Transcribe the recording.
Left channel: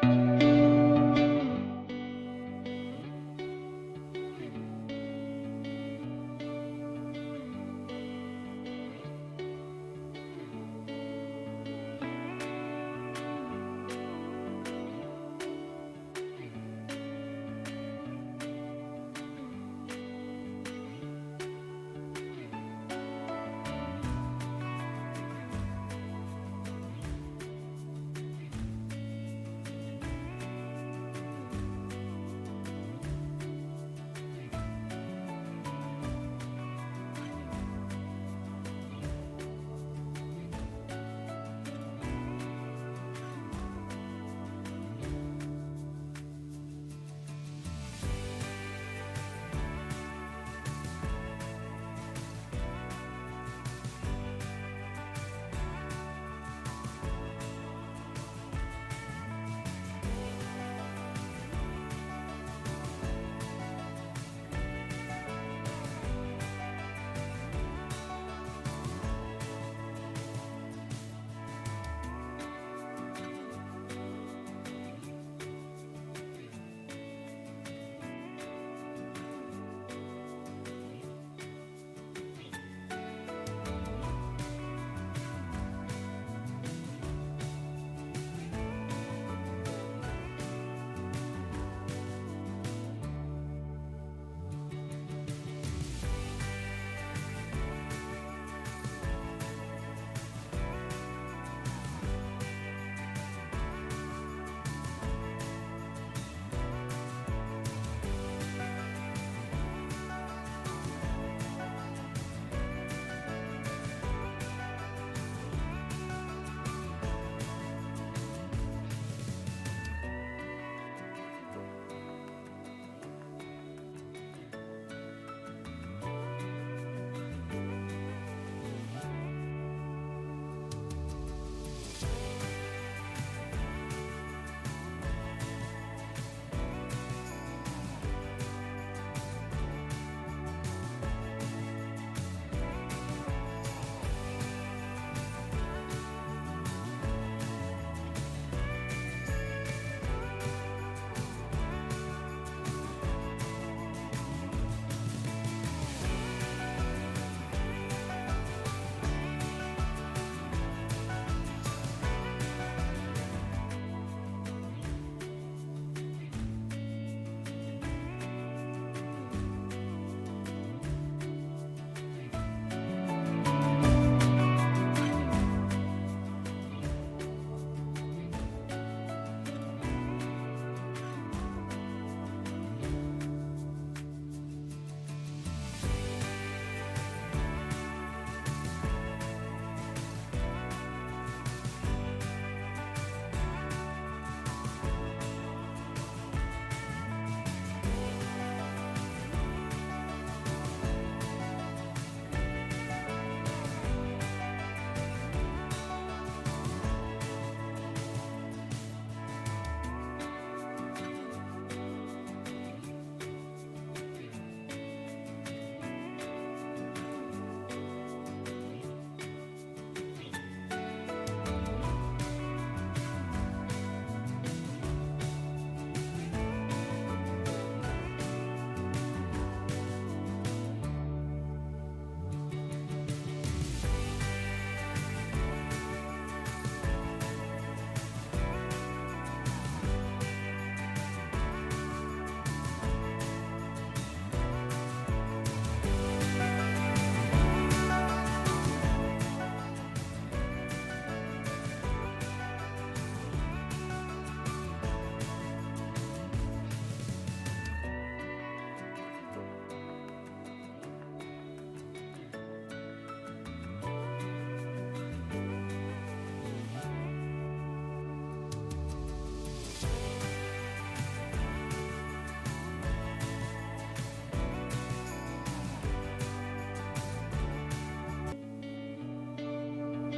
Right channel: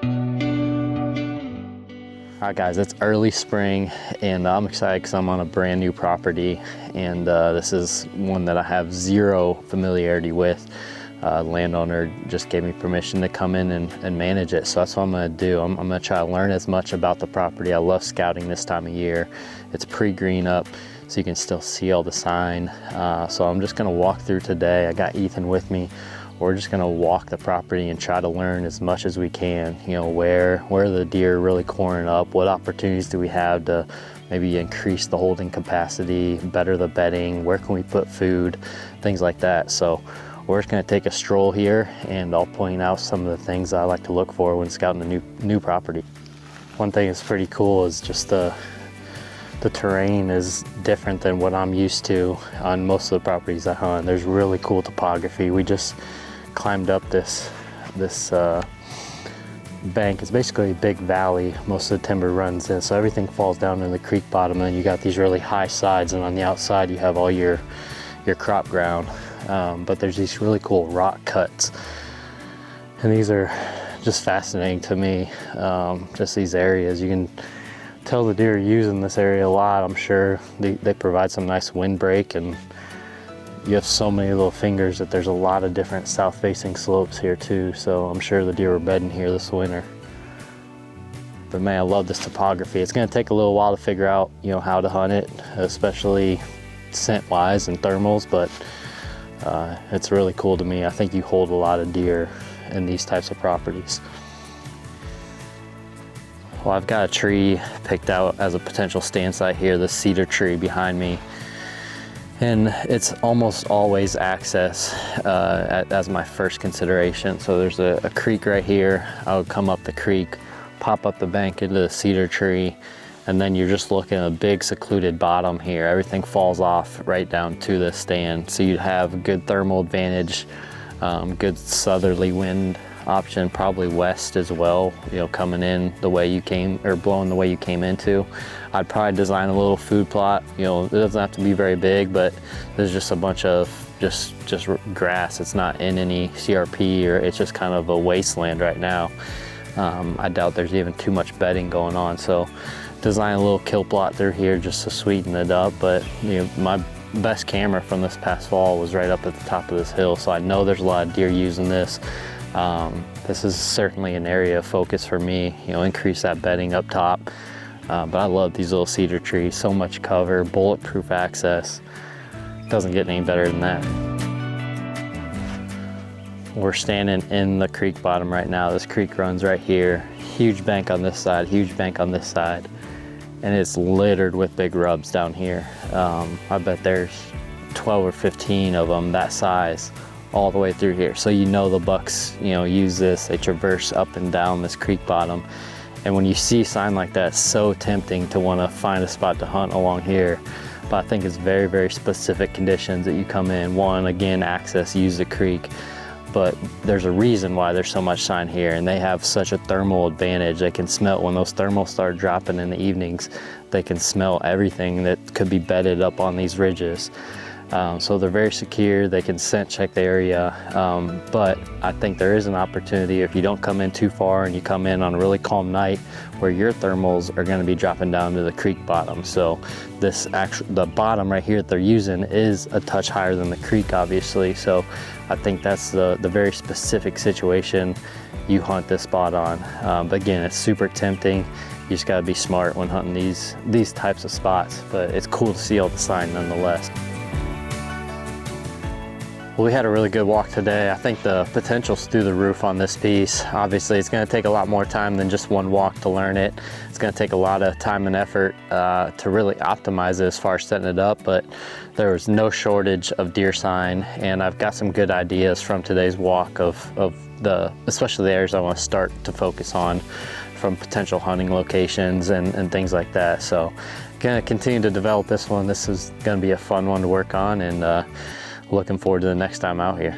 All right guys, it's early spring and I'm excited because I'm on a brand new property, and this is one that I have zero familiarity with. Landowner just gave me permission to come in and manage it, so that's what I'm going to do. I'm going to try to learn as much about the property. I love scouting this time of year. It's pre-green up, so you can still see all the sign. So I'm just going to walk through today. I got Ethan with me. We're just going to walk the property and try to learn as much as we can. You know, where are the deer really coring up? What opportunities do we have to maybe increase the holding capacity, better the bedding? Where can we put food? Things like that. So we're just going to take a stroll here, and I'll point out some of the things I like to look for when scouting a new property. One thing that's pretty cool is just the terrain is different than what I'm used to on most of the properties I hunt. There's really cool topography. We just climbed up this bank. It's basically a big valley. Most of the timber runs in, so everything falls down in the creek bottom, and you got these really high sides, and on the outside you have all your crop ground. But there's these really cool rock cuts, and these are just fascinating to me. Just these areas, you can tell the deer are using this area a lot. I'm sure they provide some nice windbreak, and you have so many little fingers that there's a lot of different south-facing slopes here too, so I'm sure the deer were bedding here this winter. But man, I love this topography. It's going to take a little while to figure out, you know, how to hunt it, especially scent-wise and thermals, but it's really cool to me. I think you hold a lot of deer in these types of properties. Well, I've got a tree picked out as a potential stand site here, the cedar tree behind me. And it's almost always access as my first consideration. So there's a creek right here. I would come up the creek, pop up the bank into the cedar tree, and then you're just looking at a big secluded bottom here. Everything falls off right down to the stand. So you'd have good thermal advantage, good southerly wind option, probably west as well, you know, coming in the way you came, or blowing the way you came into. I'd probably design a little food plot. You know, it doesn't have to be very big, but there's just a bunch of just grass. It's not in any CRP, or it's just kind of a wasteland right now. I doubt there's even too much bedding going on, so design a little kill plot through here just to sweeten it up. But you know, my best camera from this past fall was right up at the top of this hill, so I know there's a lot of deer using this. This is certainly an area of focus for me, you know, increase that bedding up top. But I love these little cedar trees, so much cover, bulletproof access. Doesn't get any better than that. We're standing in the creek bottom right now. This creek runs right here. Huge bank on this side, huge bank on this side. And it's littered with big rubs down here. I bet there's 12 or 15 of them that size all the way through here. So you know the bucks, you know, use this. They traverse up and down this creek bottom. And when you see a sign like that, it's so tempting to want to find a spot to hunt along here. But I think it's very, very specific conditions that you come in. One, again, access, use the creek. But there's a reason why there's so much sign here, and they have such a thermal advantage. They can smell, when those thermals start dropping in the evenings, they can smell everything that could be bedded up on these ridges. So they're very secure. They can scent check the area, but I think there is an opportunity if you don't come in too far and you come in on a really calm night where your thermals are going to be dropping down to the creek bottom. So the bottom right here that they're using is a touch higher than the creek, obviously. So I think that's the very specific situation you hunt this spot on. But again, it's super tempting. You just got to be smart when hunting these types of spots, but it's cool to see all the sign nonetheless. Well, we had a really good walk today. I think the potential's through the roof on this piece. Obviously, it's going to take a lot more time than just one walk to learn it. It's going to take a lot of time and effort to really optimize it as far as setting it up, but there was no shortage of deer sign, and I've got some good ideas from today's walk of especially the areas I want to start to focus on from potential hunting locations and things like that. So going to continue to develop this one. This is going to be a fun one to work on, and looking forward to the next time out here.